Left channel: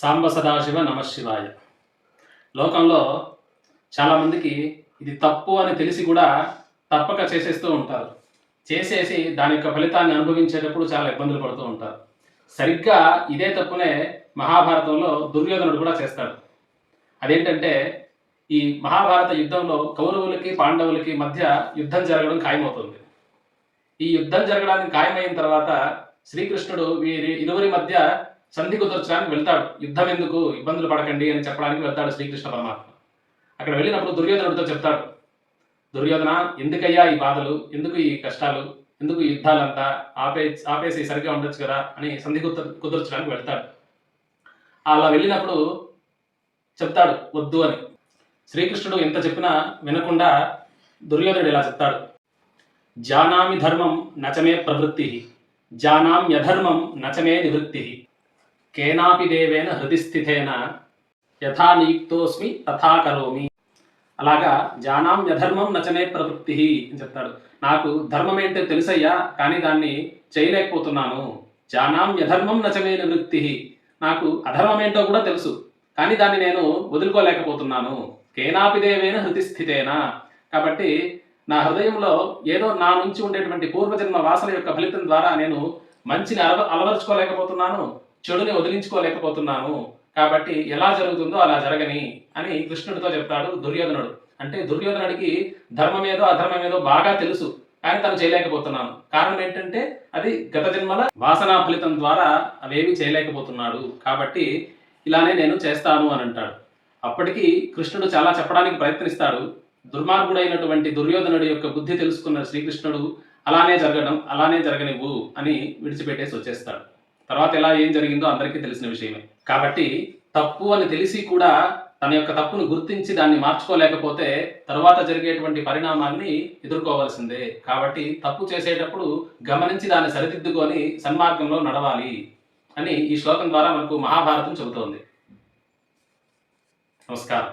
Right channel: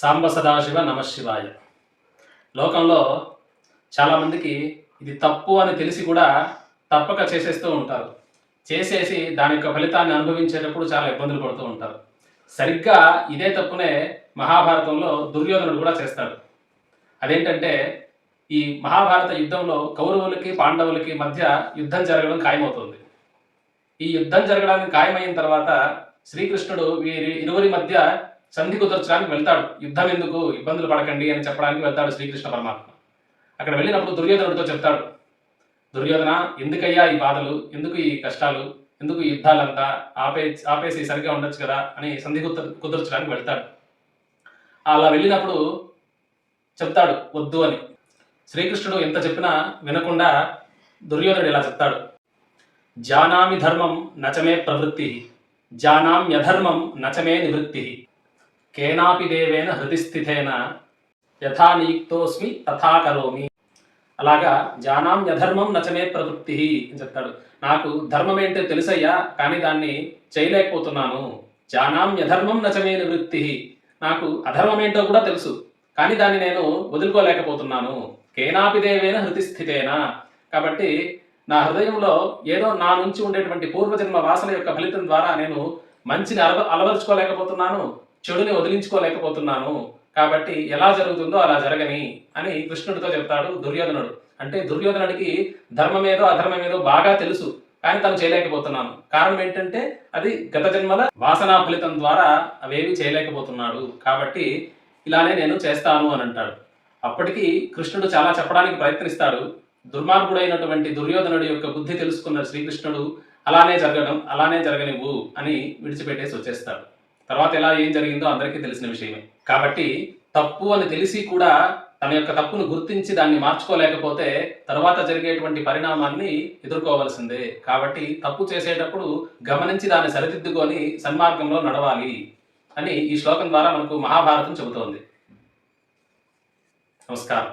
సాంబ సదాశివ నమశివాయ. లోకంలో చాలామందికి ఇది తప్పు అని తెలిసి కూడా తప్పక చేసేస్తూ ఉంటారు. చేసేసి దాని యొక్క ఫలితాన్ని అనుభవించేటప్పుడు చాలా ఇబ్బందులు పడుతూ ఉంటారు. సరిగ్గా ఇదే తప్పునే మహాభారతంలో దుర్యోధనుడు కూడా చేస్తాడు. అదేంటంటే, ఈ మహాభారత యుద్ధంలో కౌరవులకి పాండవులకి మధ్య యుద్ధం జరగడం ఖాయమవుతుంది. ఈ యుద్ధం జరగడానికి ఖాయమైన తర్వాత శ్రీకృష్ణుడు వీరి ఇరువురి మధ్య సంధి కుదర్చడానికి వెళ్తాడు. యుద్ధం ఎందుకు, ఇబ్బందులు పడకండి అని చెప్పడానికి వెళ్తాడు శ్రీకృష్ణ పరమాత్మ. అక్కడ వెళ్ళినప్పుడు దుర్యోధనుడితో చెప్తాడు, దుర్యోధన, ఎందుకయ్యా ఈ బాధలు, ఎందుకు ఈ కష్టాలు, ఎందుకు ఈ యుద్ధాలంతా, ఆపేసి సరిగ్గా ఉండొచ్చు కదా అని సంధి కుదర్చడానికి వెళ్తాడు. అలా వెళ్ళినప్పుడు చెప్తాడు వద్దు అని. శ్రీకృష్ణుడు ఎంత చెప్పినా వినకుండా దుర్యోధనుడు ఇలా చెప్తాడు, జానామి ధర్మం నచమే ప్రవృత్తి, జానామ్యధర్మం నచమే నివృత్తి, కేనాపి దేవేన హృదిస్థితేన యథా నియుక్తోస్మి తథా కరోమి. అలాగా జానామ్యధర్మం నచమే ప్రవృత్తి అని చెప్తాడు. నాకు ధర్మం ఏంటో తెలుసయ్యా, కానీ దాన్ని చేయలేకపోతున్నాను. జానామ్యధర్మం నచమే నివృత్తి, నాకు అధర్మం ఏంటో కూడా తెలుసు, కానీ దాన్ని నేను వదులుకోలేకపోతున్నాను. కేనాపి దేవేన హృతిస్థితేన, కాబట్టి నా హృదయంలో ఏదో నా నుంచి ఉండేటువంటి పూర్వజన్మ వాసన యొక్క ఫలితం ద్వారా నేను మంచిని అలవరుచుకోలేకపోతున్నాను, చెడుని వదిలించుకోలేకపోతున్నాను. కాబట్టి ఎలా జరుగుతుందో అలా జరగని అని కృష్ణుడితో చెప్తాడు దుర్యోధనుడు. అంటే దుర్యోధనుడికి ధర్మమేదో అధర్మమేదో బాగా తెలుసు, కానీ తను చేయలేకపోతున్నాను. కారణం ఏంటంటే అది గత జన్మల వాసనా ఫలితం ద్వారా అవేవి చేయలేకపోతున్నాడు. కాబట్టి ఇలానే నేను చేస్తాను అని అంటాడు. అప్పటికి కృష్ణుడు చాలా చెప్పడానికి ప్రయత్నిస్తాడు. దుర్మార్గుడైనటువంటి దుర్యోధనుడి యొక్క బుద్ధి తెలుసుకున్న శ్రీకృష్ణుడు అలానే జరగనివ్వు అని విడిచిపెట్టేసి వచ్చేస్తాడు. తర్వాత ఏం జరిగిందో అందరికీ తెలిసిన విషయమే. కాబట్టి తప్పు అని తెలిసి కూడా తన యొక్క తప్పును గుర్తించి దాన్ని మార్చుకోలేకపోతే తర్వాత జరిగేటువంటి పరిణామాన్ని ఎదుర్కోవలసిందే. కాబట్టి తప్పు చేసేటప్పుడు గమనించి దాన్ని సరిదిద్దుకొని సన్మార్గంలో నడవాలి అని ఈ శ్లోకం ద్వారా మనకు మహాభారతం చెబుతోంది. నమస్కారం.